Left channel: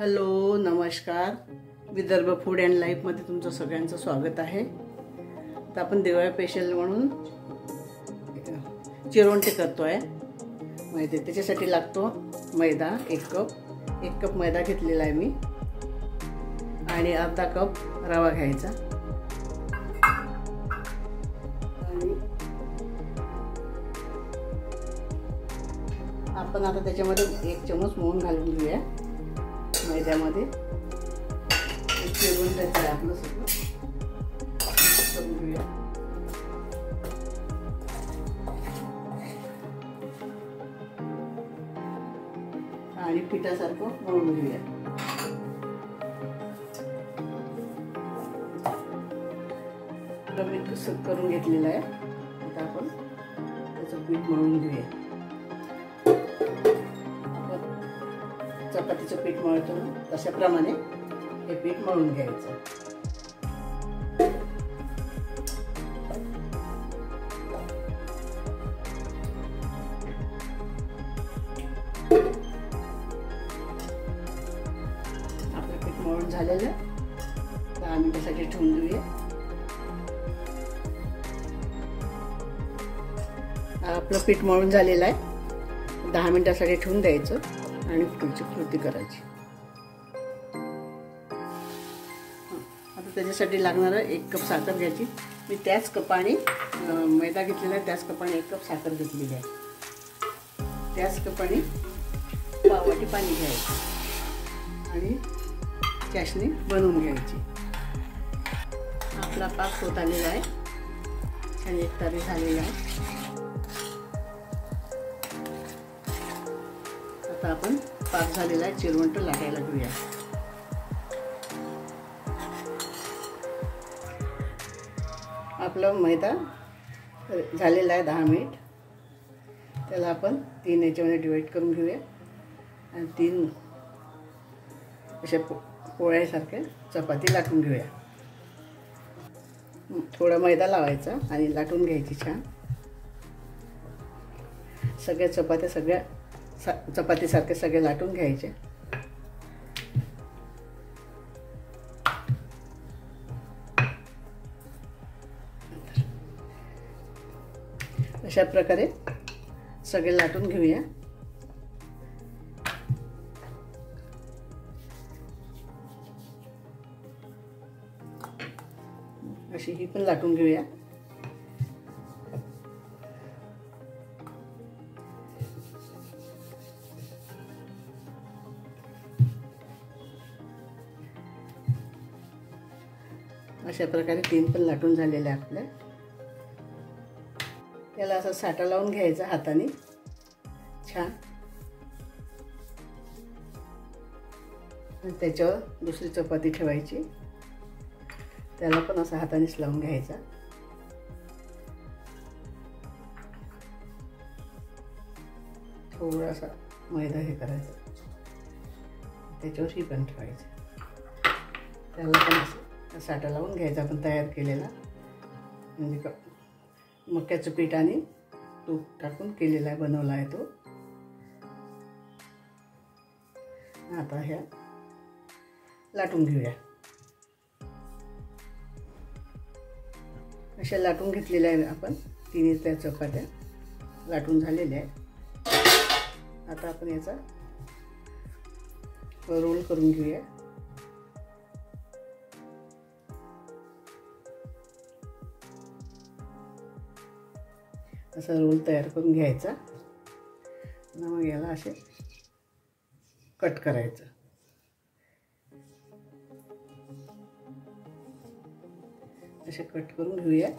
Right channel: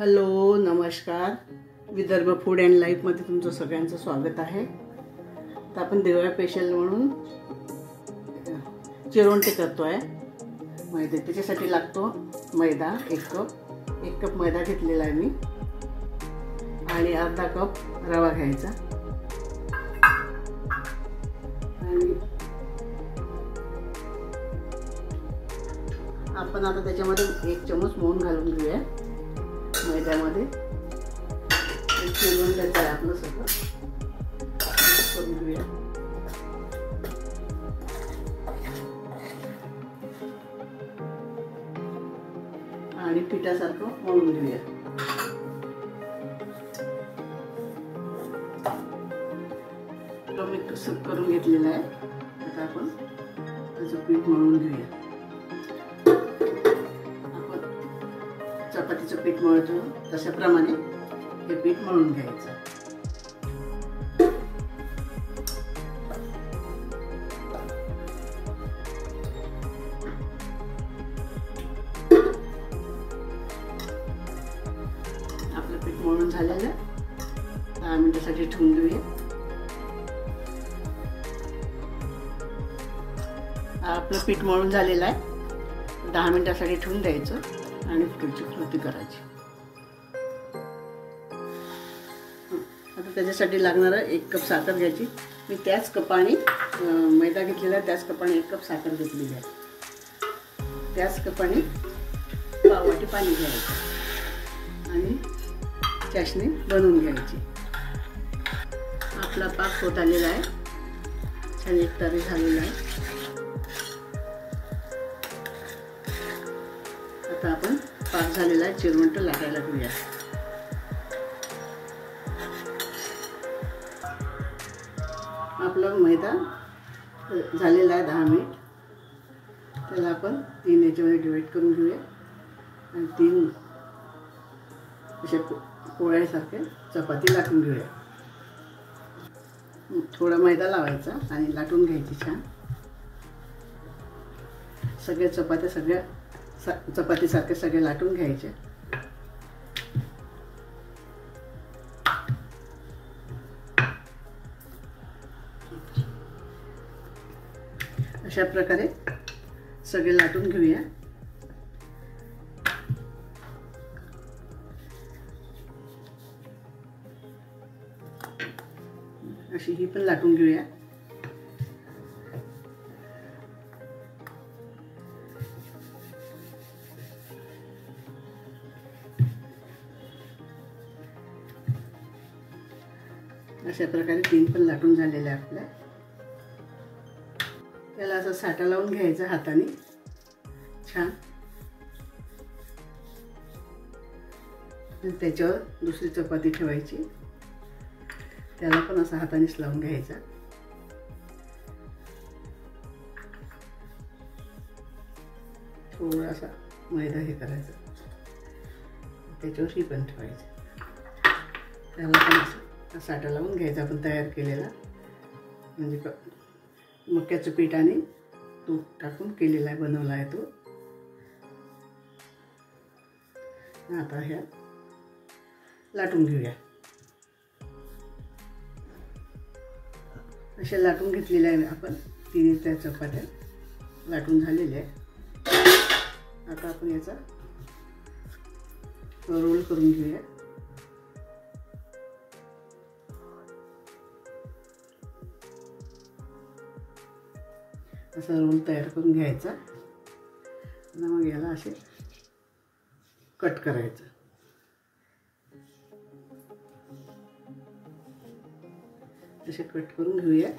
Hello नमस्कार, Vidarbha food and लाईफमध्ये तुमचं सगळ्यांचं स्वागत आहे। आता आपण दिवाळी स्पेशल म्हणून चिरोंटे करतो आहे। मैदे त्याच्यासाठी लागतो मैदा 1 कप मैदा घेतलेला आहे मी आणि अर्धा कप रवा घ्यायचा आणि आपण आता त्याच्यामध्ये 1 चमच मोहन घालून घेऊया। मैद्यामध्ये चिरून द्यायचं आपलं सगळं करून घेऊया। आणि पिठासारखं मळून घेऊया। मी कसं करून घेतलेलं आहे। आता आपण त्याचं पीठ मळून घेऊया। चपातीचं पीठ मळतो तशाप्रमाणे हे पीठ मळून घ्यायचं। आपलं पीठ मळून झालेलं आहे। 10 मिनिटांसाठी ठेवून देऊया। आपलं पीठ मळून झालेलं आहे। 10 मिनिटांसाठी ठेवून द्यायचं आणि पुढची कृती करायची। आता त्याच्यासाठी लागणार 1 कप साखर घ्यायची। मी त्याच कपाने मैदा घेतलेला आहे, त्याच कपाने 1 कप साखर घेतलेली आहे। त्याच कपाने पाववाटी पाणी घ्यायचं आणि चाशणी बनवून घ्यायची। आपला पाक होत आलेला आहे, छान एकतारी झालेला आहे। आता आपण पाक झालेला आहे चिरोंट लाटायला घेऊया। आपला मैदा झालेला आहे 10 मिनिट। त्याला आपण 3 याच्यामध्ये डिवाइड करून घेऊया आणि 3 अशा पोळ्यासारख्या चपाती लाटून घेऊया। थोडा मैदा लावायचा आणि लाटून घ्यायची छान। सगळ्या चपात्या चपातीसारखे सगळे लाटून घ्यायचे। अशा प्रकारे सगळे लाटून घेऊया। अशी ही पण लाटून घेऊया। अशा प्रकारे 3 पण लाटून झालेले आपल्या। त्याला असं साठा लावून घ्यायचा हाताने छान। त्याच्यावर दुसरी चपाती ठेवायची, त्याला पण असं हातानेच लावून घ्यायचा। थोडासा मैदा हे करायचा, त्याच्यावर ही पण ठेवायची। त्याला पण साठा लावून घ्यायचा आपण तयार केलेला, म्हणजे मक्याचं पीठ आणि तूप टाकून केलेला आहे, बनवला आहे तो। आता ह्या लाटून घेऊया। अशा लाटून घेतलेल्या आहे आपण 3 त्या चपात्या लाटून झालेल्या आहे। आता आपण याचा रोल करून घेऊया। असा रोल तयार करून घ्यायचा आणि मग याला असे कट करायचं। असे कट करून घेऊया।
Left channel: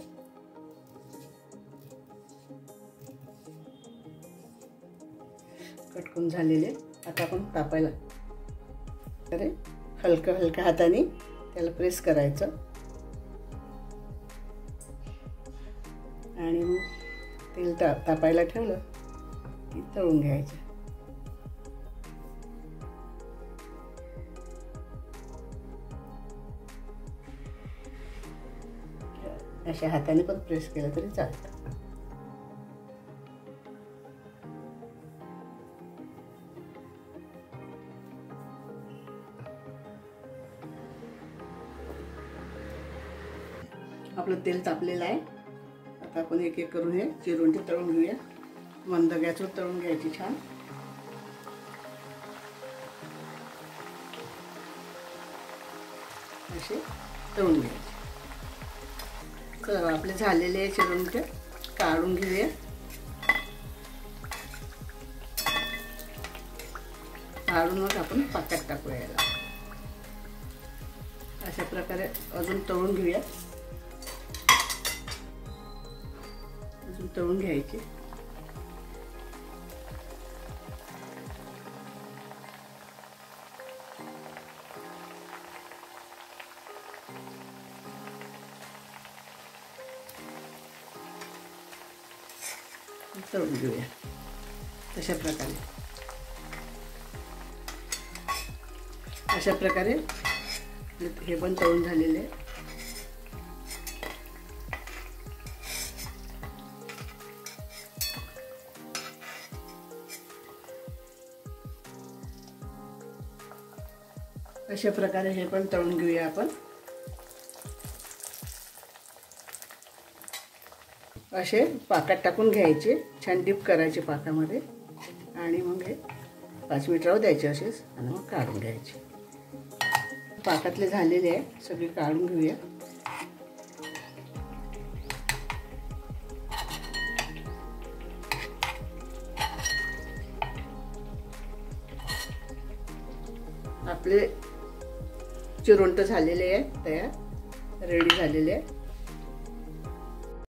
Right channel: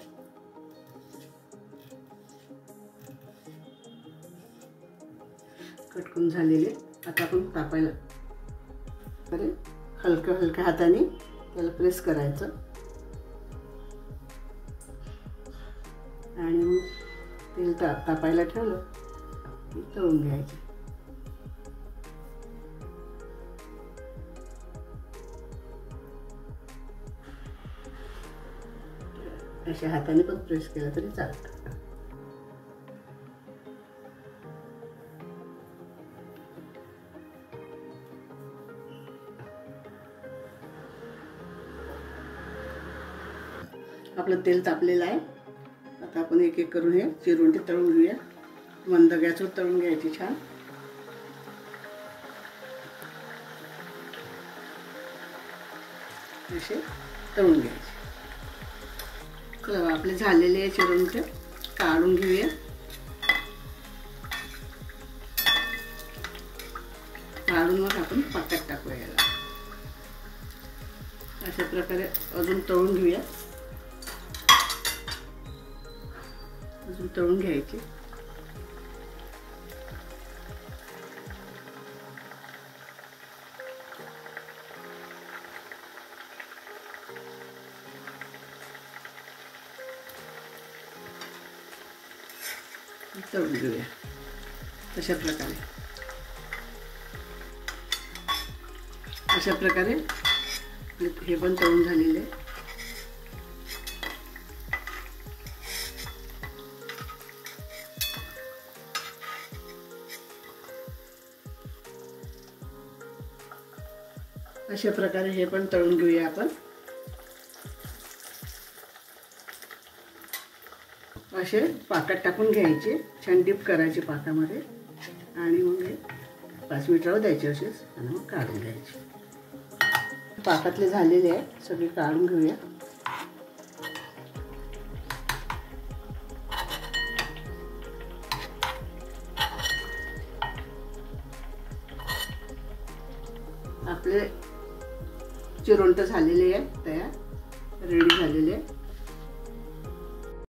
कट करून झालेले आता आपण तापायला अरे हलक्या हाताने त्याला प्रेस करायचं आणि मग तेल तापायला ठेवलं की तळून घ्यायचं। अशा हाताने पण प्रेस केलं तरी चालतं। आपलं तेल तापलेलं आहे. आता आपण एक एक करून हे चिरोंटी तळून घेऊया. मंद गॅसवर तळून घ्यायची छान. असे तळून घ्यायचे. चला आपले झालेले चिरोंटे काढून घेऊया. काढून मग आपण पाकात टाकूया याला. अशा प्रकारे अजून तळून घेऊया. अजून तळून घ्यायचे. तळून घेऊया तशा प्रकारे. अशा प्रकारे हे पण तळून झालेले. अशा प्रकारे हे पण तळून घेऊया आपण. असे पाकात टाकून घ्यायचे. छान डीप करायचे पाकामध्ये आणि मग हे 5 मिनिटावर द्यायचे असेच आणि मग काढून घ्यायचे. पाकातले झालेले आहे सगळे काढून घेऊया. आपले चिरोंट झालेले आहे तयार, रेडी झालेले आहे.